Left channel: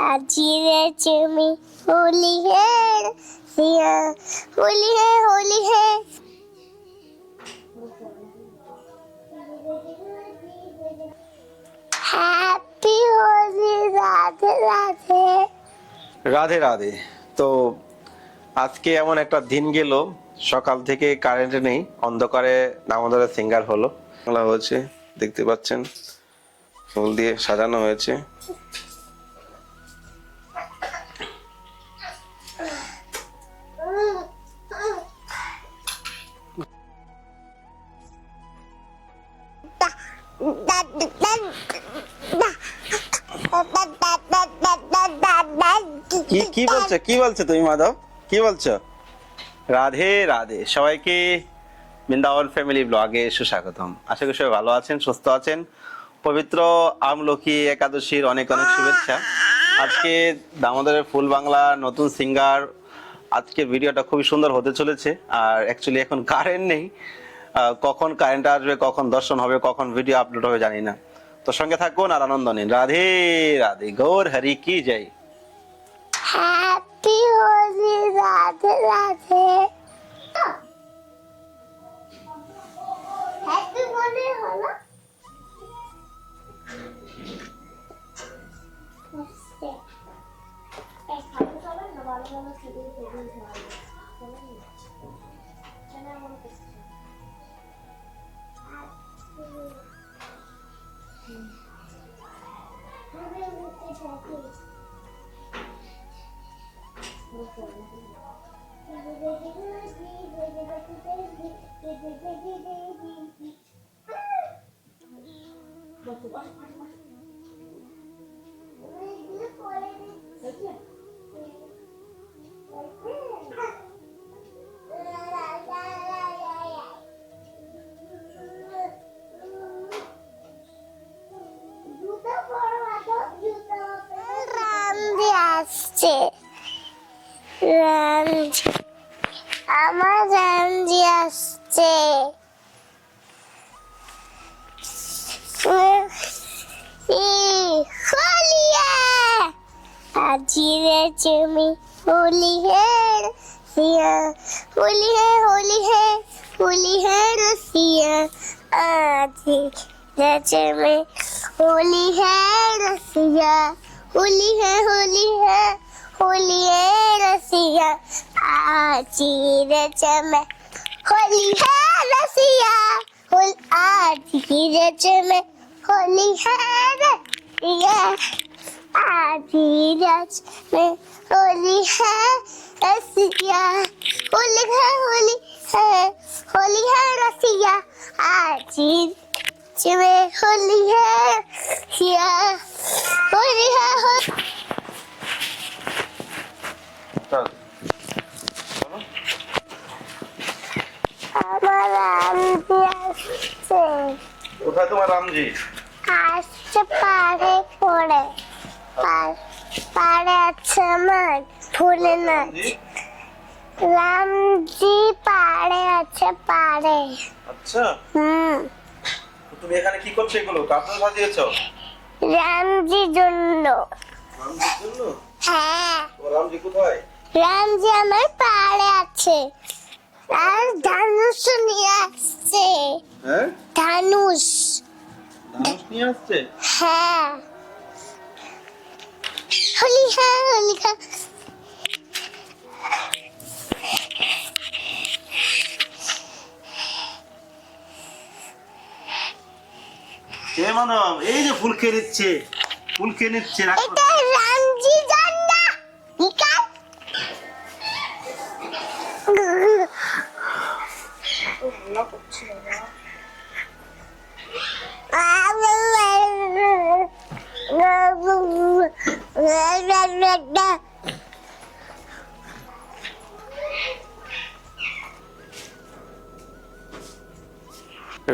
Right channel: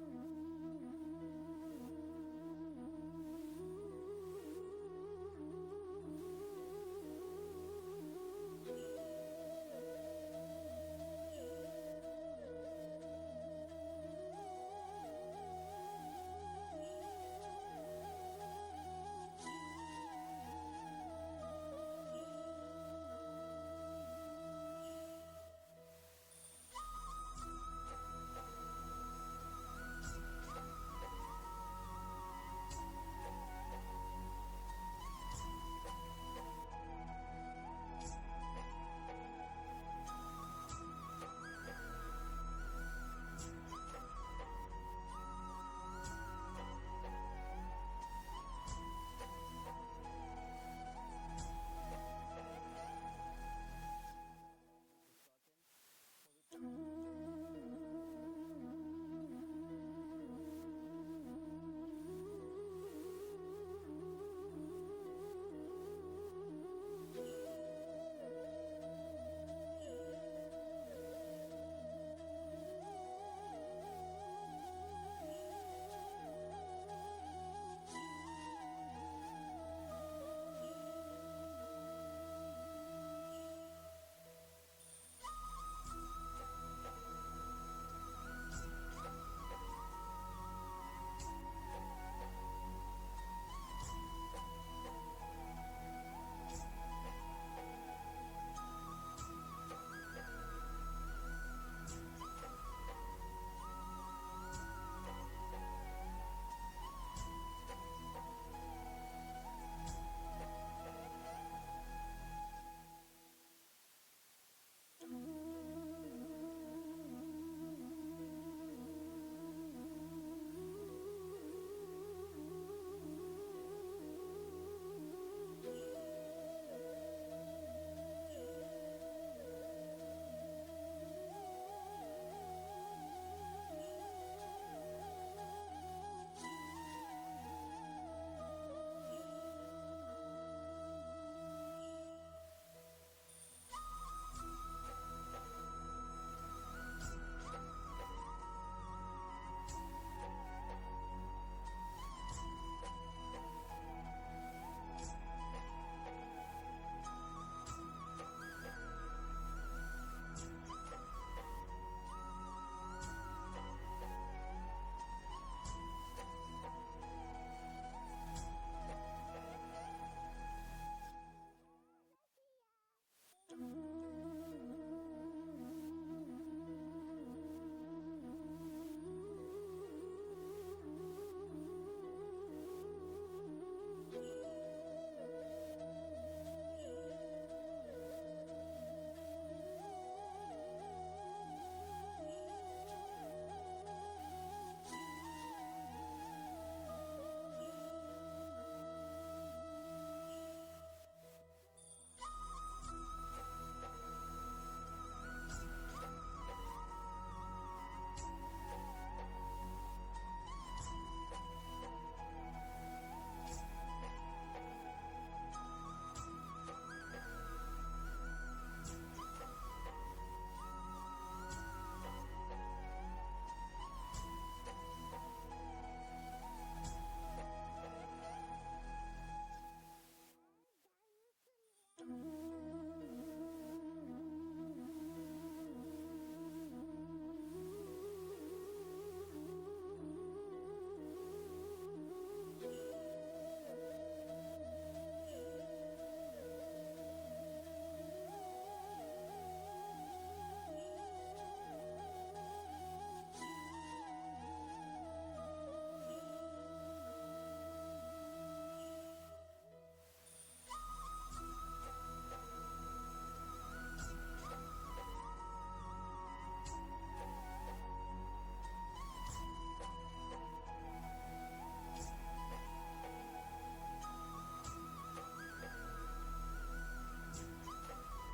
हाजिर चुमी होली है सिया होली है हैप्पी होली राधे राधे রাধে রাধে। তো আজকে এমন একটা দিন গেল, সকাল থেকে কারেন্ট নেই, অন্ধকারে নামোদরের সিঙ্গার হলো, বাংলা হয়েছে, দেখতে পাচ্ছেন ফুল দিয়ে সাজানো হয়েছে। কি বলছো তুমি মাধব, কি বলছো? রাধে রাধে সবাইকে, বৃন্দাবন ফ্যামিলি ব্লগে সুস্বাগতম। আশা করি সবাই ভালো আছেন, সুস্থ আছেন। পবিত্র আমলকি একাদশীর অনেক অনেক শুভেচ্ছা। আজকে দামোদরের ফুল বাংলা নতুন সিঙ্গার, আজকের ভিডিওটা খুবই সুন্দর হতে চলেছে। আর অ্যাকচুয়ালি এখন কারেন্ট নেই, কখন কারেন্ট আসবে, কখন দর্শন হবে, কখন ভিডিও আপলোড হবে জানি না। তো সঙ্গে থাকুন আর আনন্দ নিন। রাধে রাধে, গৌর হরি কি জয়। हैप्पी होली राधे राधे हैप्पी होली होला আমার রামজি আসছে। हाजिर चुमी होली है सिया होली है रसिया हाजिर चुमी होली है रसिया होली है रसिया हाजिर चुमी होली है रसिया हाजिर चुमी होली है रसिया आजीरज में होली है रसिया होली है रसिया आजीरज में होली है रसिया होली है আমার রামজি আসছে। কোথায় তোমার রামজি? আসছে পারে পড়ে পারে আছে আমার ফুলে নাচ। রামজি পারে আছে পারে। আচ্ছা, তুমি এখানে কি করছো? এগুলো কাপড় ভাজিয়েছো রামজির জন্য। রামজির জন্য? হ্যাঁ। রামজি কোথায়? রামজি আমার পারে আছে আর ধানুষ নিয়ে আসছে। হ্যাঁ, ধানুষ নিয়ে আসছে। হ্যাঁ, होली है কে মানব? এই যে ফুল খেয়ে নিচ্ছে, এটা রামজি জান্না নিকাল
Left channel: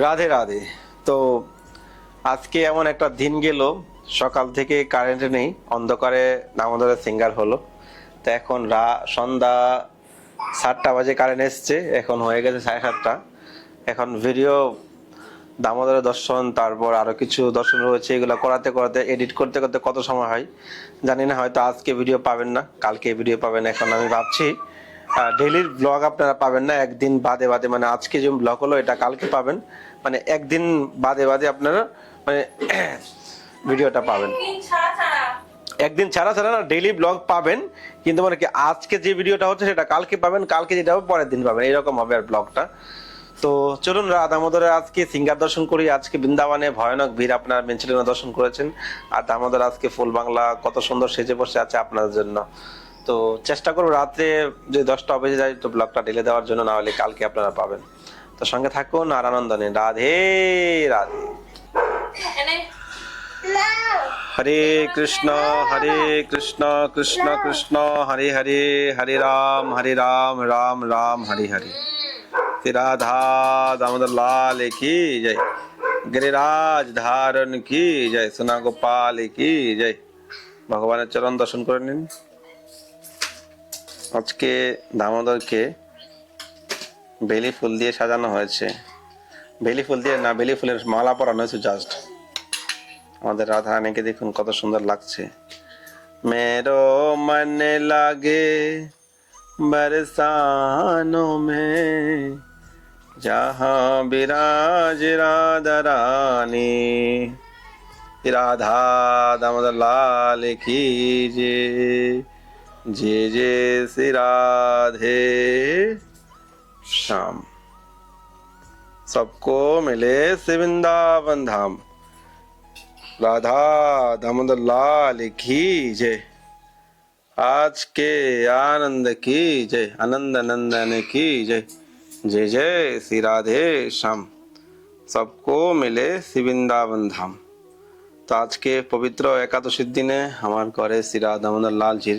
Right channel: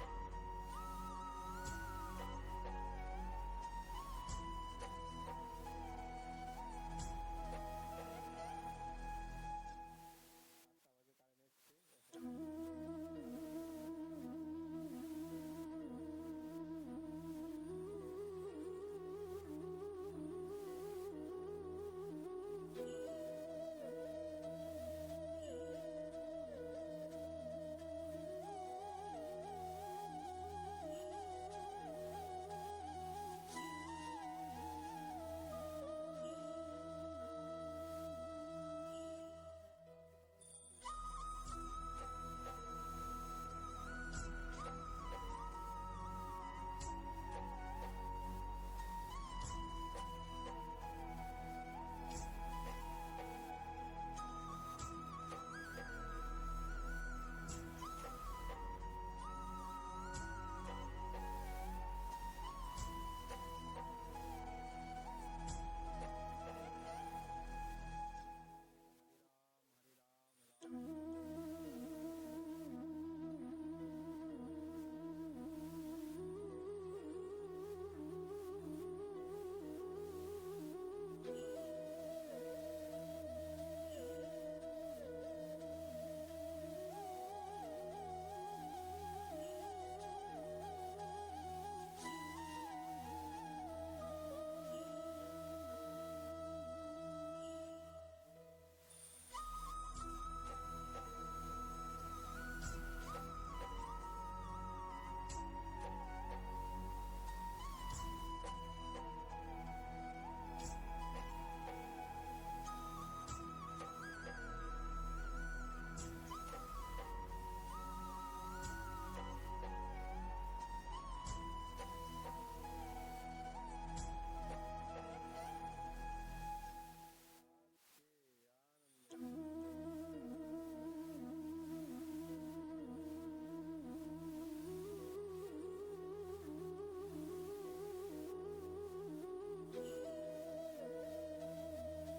রাধে রাধে। তো আজকে এমন একটা দিন গেল, সকাল থেকে কারেন্ট নেই, অন্ধকারে নামোদরের সিঙ্গার হলো। তো এখন সন্ধ্যা 7টা বাজে কারেন্ট এসছে, এখন হয়ে গেছে 7:30। এখন ভিডিও দামোদরের দর্শন, তারপর আরো কিছু দর্শন রয়েছে, এগুলো করাতে করাতে এডিট করতে করতে কত সময় হয় জানি না। হয়তো আজকে ভিডিও পাবেন না, কালকে ভিডিও পাবেন। এখন আমি ভাবছি ডেইলির ব্লগ আপনারা পাবেন না, একদিন বাদে বাদে, মানে আজকে যে ব্লগ হলো এটা কালকে পাবেন, মানে একদিন বাদে বাদে আপনারা মানে ভিডিওটা পাবেন। একদিন ছাড়া ছাড়া না, ডেইলি ব্লগ পাবেন, কিন্তু মানে কি আজকে যে ভিডিওটা হচ্ছে সেটা কালকে পাবেন, কালকে যেটা হবে পরের দিন পাবেন, এরকম হবে আর ব্লগটা। তো চলুন দামোদরের আজকে সিঙ্গার দর্শন করি। আজকে বৃন্দাবনে ভয়ানক ভিড়, আপনারা মেনচিলিনা দর্শন করেছেন, আর দামোদর আজকে ফুল বাংলা কত সুন্দর সেজে বসে আছে আপনাদের জন্য। তো চেষ্টা করবো রাত্রে যদি 10টা বেজে যায় তো ব্লগটা ঢেলে দেওয়ার জন্য, না হলে কালকে আপনারা পাবেন। তো সঙ্গে থাকুন আর আনন্দ নিন। রাধে রাধে। হরে কৃষ্ণ কৃষ্ণ কৃষ্ণ হরে হরে, হরে রাম রাম রাম হরে হরে। राधा दामोदर लाल की जय, गिरिराज धारण की जय, सोना गोपाल की जय। ভগবানের চরণ দর্শন করে নিন। আজকে দামোদরকে বেলি ফুল দিয়ে সাজানো হয়েছে, বেলি ফুল দিয়ে না, বেলি ফুলের মালা পরানো হয়েছে জাস্ট। আমাদের রাধা রানীকে দেখুন কত সুন্দর লাগছে। মেরো মন লাগে बरसानों में, जहाँ विराज राधा रानी। राधा दामोदर लाल की जय जय श्री राधे श्याम। सबको मिले से वृंदावन धाम। राधा दामोदर लाल की जय। आज के आनंद की जय, आनंद नंदन की जय, जय जय श्री राधे श्याम। सबको मिले श्री वृंदावन धाम। তো আজকে পবিত্র একাদশীর দিনে আমার ঘরে শ্রী রাধা দামোদর লালজির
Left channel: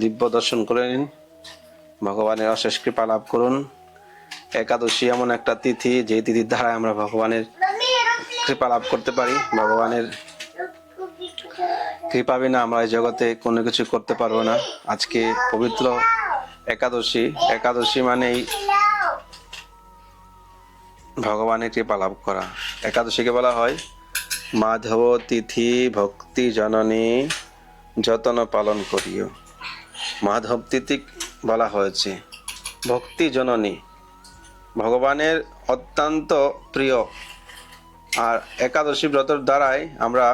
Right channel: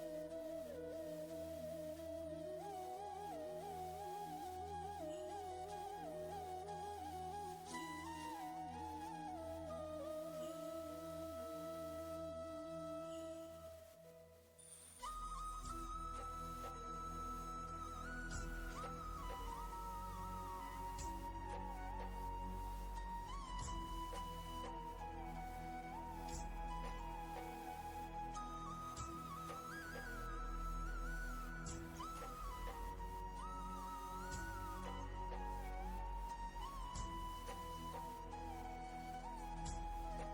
দিব্য দর্শন করে নিন, ভগবানের অশেষ কৃপা লাভ করুন। একাদশী এমন একটা তিথি, যে তিথির দ্বারা আমরা ভগবানের কৃপা লাভ করতে পারি। ভগবানের কৃপা বিনা আমরা এই জগতে কোনো কিছু করতে পারবো না। আজকে পবিত্র একাদশী, একাদশী মানেই ভগবানের কৃপা লাভ করা। একাদশীকে বলা হয় মাধব তিথি ভক্তি জননী যতন পালন করিও। মাধব তিথি বলা হয়েছে ভক্তি জননী, ভগবানের অত্যন্ত প্রিয়। আর একাদশী ব্রতর দ্বারাই আমরা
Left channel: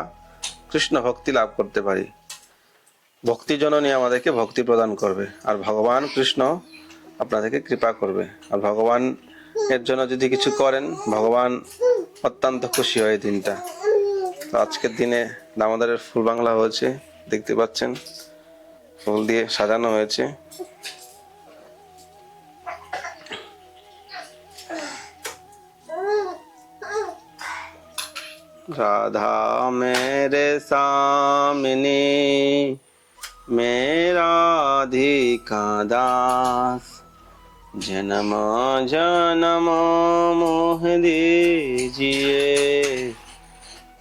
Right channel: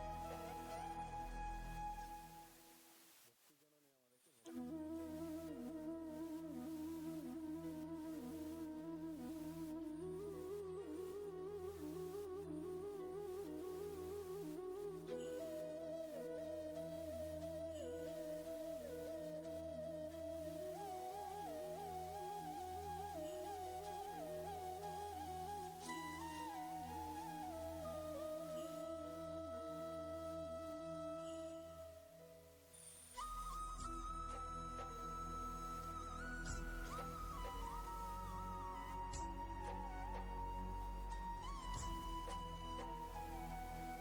কৃষ্ণ ভক্তি লাভ করতে পারি। ভক্তি জননী আমাদেরকে ভক্তি প্রদান করবে, আর ভগবান কৃষ্ণ আপনাদেরকে কৃপা করবে। আর ভগবান এর জন্য যদি কিছু করেন, ভগবান অত্যন্ত খুশি হয় এই দিনটা। তো আজকের দিনে দামোদরের ফুল বাংলা হয়েছে, দেখতে পাচ্ছেন ফুল দিয়ে সাজানো হয়েছে। राधा मेरे सामने मेरा राधिका दास, जन्म जन्म मोह दीजिए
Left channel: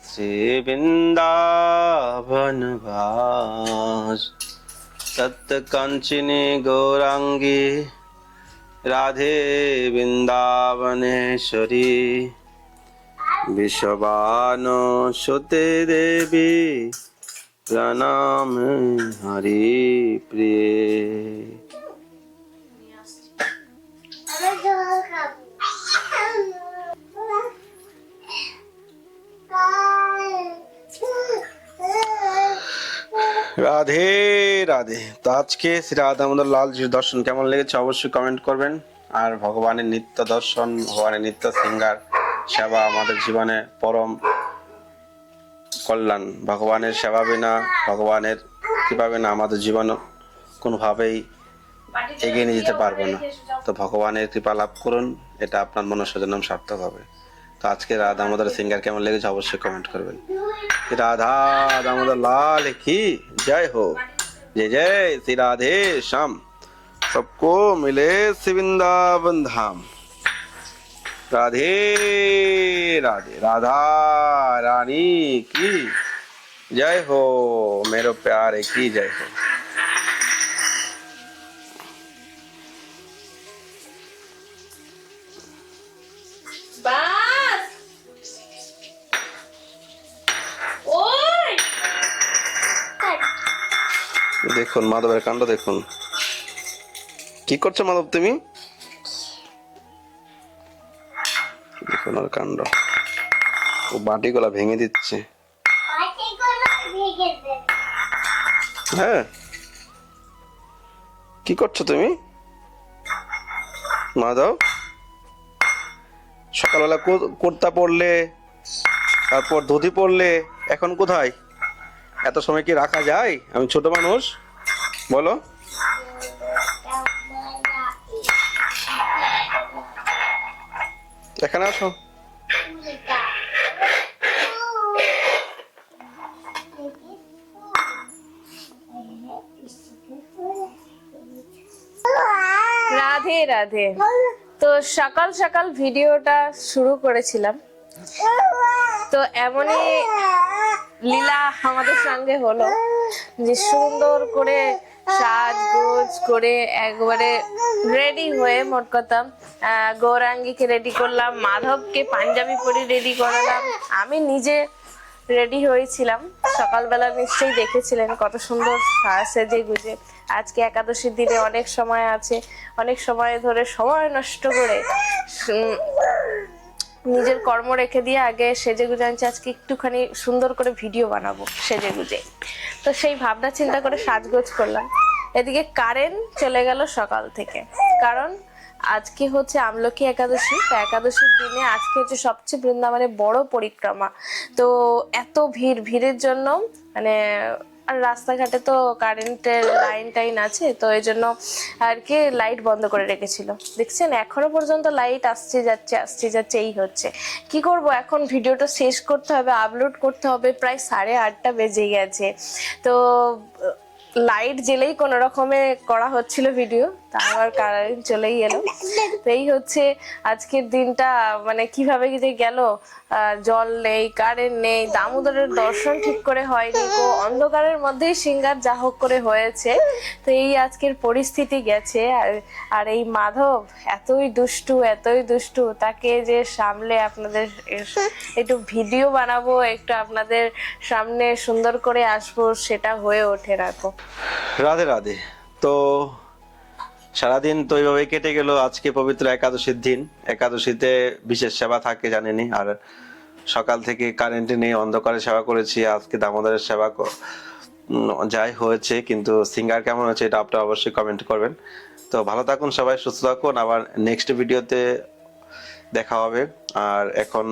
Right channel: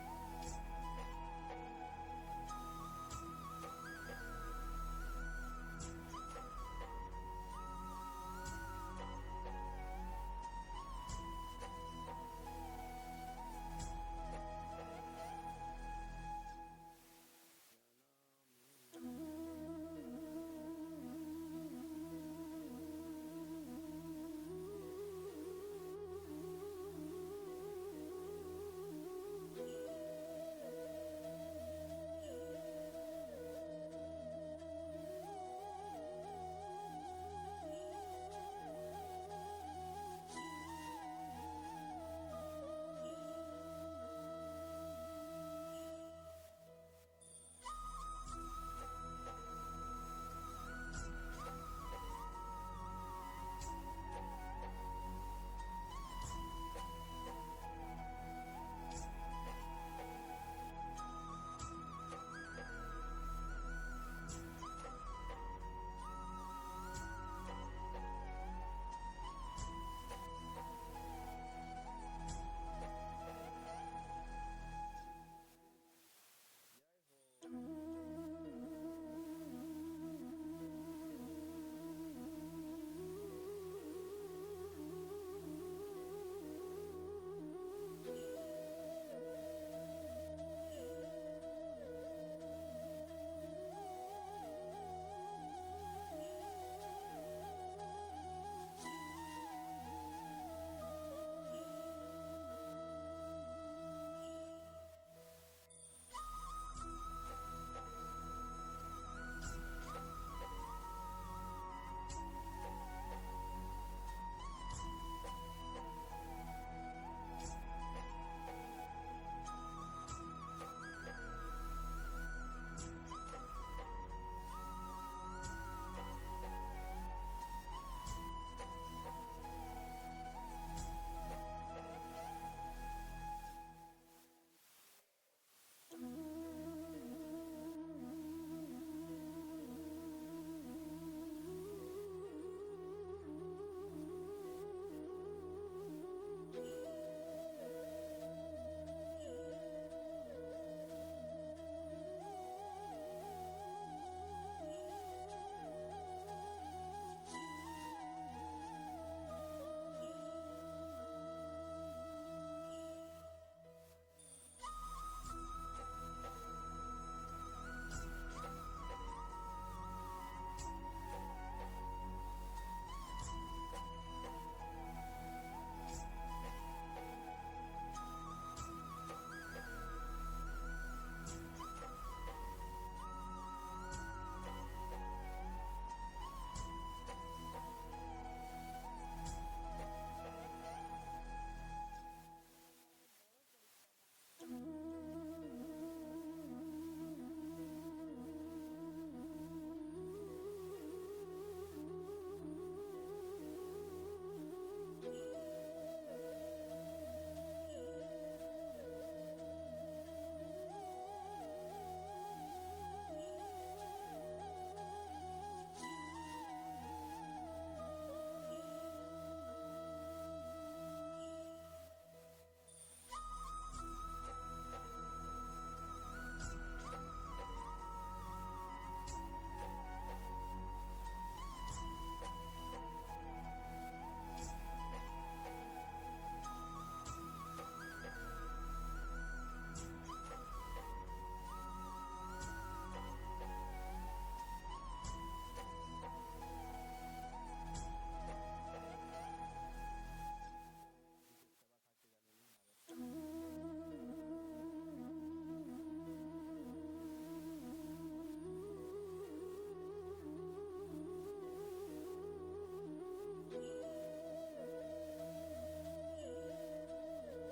श्री वृंदावन वास। सत्य कंचनी गौरांगी राधे वृंदावनेश्वरी, विश्ववान सुते देवी प्रणाम हरि प्रिय। রাধে রাধে। তো আজকে শ্রী রাধা দামোদর লালজির দর্শন কেমন লেগেছে অবশ্যই কমেন্ট করবেন। আর ভগবানের নিত্য দর্শন, ভগবানের নিত্য সিঙ্গার সেবা আমাদের জীবনে পরম কল্যাণ। ভগবানের সেবা বিনা, ভগবানের কৃপা বিনা আমাদের জীবন কোনোভাবেই এগিয়ে নিয়ে যেতে পারবো না। তো ভগবানের কৃপা লাভ করুন, এটা আপনার মনস্বজনম সার্থক হবে। তো আজকে রাধা দামোদর সিঙ্গার কেমন লেগেছে অবশ্যই কমেন্ট করবেন। রাধা দামোদর লাল কি जय हो, जय जय श्री राधे श्याम। सबको मिले श्री वृंदावन धाम। राधे राधे। राधा रानी की जय हो, मेरे प्यारे की जय हो। बस দেখুন মাধবের কাণ্ড দেখুন। কি করছো মাধব তুমি? দেখুন ওর কাণ্ড, ও বাটিগুলা ভেঙে দিচ্ছে। হ্যাঁ, কি করছো তুমি মাধব? সকালবেলা কুর্তা পরলে, তারপর ধুতি পরলে, এখন কোথায়? এত সময় কি রাখা যায়? আমি ছোট মানুষ, বলো। এখানে আসো। রাধে রাধে। তো সকাল সকাল ভিডিওটা শুরু করেছিলাম, তো এমনই লীলা আমাদের সঙ্গে হলো যে সুন্দর করে সাজগোজ করে একবারে রেডি হয়ে, মোট কথা গৌরাঙ্গীকে রেডি করলাম, মাধবকে পাঞ্জাবি পরে রেডি করালাম, আমি নিজে রেডি হয়েছিলাম। সকালবেলা নিশ্চয়ই দেখেছিলেন কত সুন্দর সেজে গুজে। আজকে একাদশীর দিনে অনেক সময় আছে, অনেক সময় ধরে সময় নষ্ট করে নিজের কর্ম রেখে দিয়ে আগে সেজে গুজে আনছি, আজকে একটুখানি সুন্দর করে ভিডিও বানাবো সেজে গুজে। তো সেই ভাবনা চিন্তা করে সাজগোজ করলাম। এদিকে কারেন্ট চলে গেল সকাল থেকে, কারণ আজকে হচ্ছে আমলকি একাদশী। তো একাদশীর দিনে আজকে হচ্ছে সবচেয়ে বৃন্দাবনের বড় পরিক্রমা। তো এত ভিড়ের জন্য মানে, আর রাস্তাঘাটে তো কারেন্টের লাইন আছে, তো এই জন্য আর কি লাইট বন্ধ করে রেখেছিল। দেখছেন এখনো পর্যন্ত লাইট আসছে যাচ্ছে এই হচ্ছে। কি করব, এখন ভিডিওটা শেষ করতে হবে, আপলোড করতে হবে, প্রায় 8:30 বেজে গেছে। তো লাইট জেলেই কোনো রকমে করা হচ্ছিল ভিডিও, তা আবার কারেন্ট চলেই এলো। তো এই হচ্ছে আজকের দিনটা, মানে কিভাবে কি যে গেল। জল নেই, কারেন্ট নেই, দামোদরের দর্শন ঠিক করে হয়নি, তো অন্ধকারের মধ্যেই সিঙ্গার যা হোক করে হয়েছে। তো এই আজকের পরিস্থিতি গেছে। আর এই মাধব এতই দুষ্টু, তাকে যে সামলে আপনাদের একটু ভিডিও বানাবো, একটু আপনাদের সামনে সুন্দর করে আসবো, সেটা হয়ে ওঠে না। তো রাধে রাধে। তো সারাদিন তো এইভাবে কেটে গেল। আজকে পবিত্র একাদশীর দিন, একাদশীতে বিশেষ সেবা থাকে জানেনই। আর সকাল থেকে কারেন্ট নেই, অন্ধকারে সেবা করেছি। আজকে দামোদরের সেবা যাই হয়েছে, কিন্তু সিঙ্গার কেমন হয়েছে এটা আপনারা অবশ্যই কমেন্ট করবেন। তো ভালো থাকুন সবাই, সুস্থ থাকুন, আবার নেক্সট ভিডিওতে দেখা হবে। আর এখন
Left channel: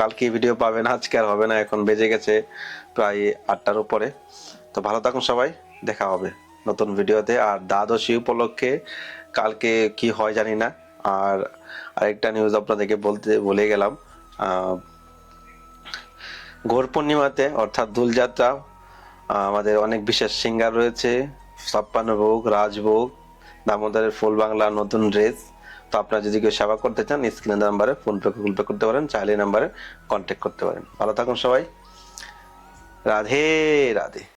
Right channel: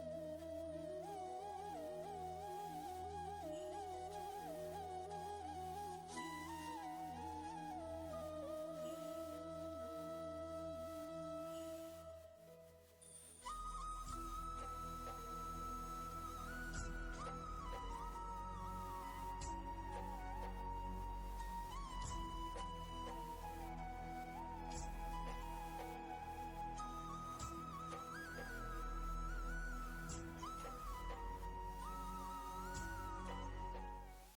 কালকে ভিডিও পাবেন, আজকে আর হবে না, এখন বেজে গেছে প্রায় 8টার উপরে। তো ভালো থাকুন সবাই, দেখা হবে নতুন ভিডিওতে। আর দ্বাদশী উপলক্ষে কালকে কি হয় জানি না। আর আরেকটা নিউজ আপনাদেরকে বলতে ভুলে গেলাম, ঘোর পূর্ণিমাতে অর্থাৎ দোলযাত্রা আমাদের অনেক বিশেষ সিঙ্গার রয়েছে, 56 ভোগ, রাজভোগ, দামোদরের ফুল বাংলা নতুন ড্রেস। তো আপনারা যদি কেউ সেবা করতে চান, স্ক্রিনের নাম্বারে ফোন পে গুগল পে করতে পারেন, চাইলে নাম্বারে কন্ট্যাক্ট করতে পারেন। ভালো থাকুন সবাই, রাধে রাধে।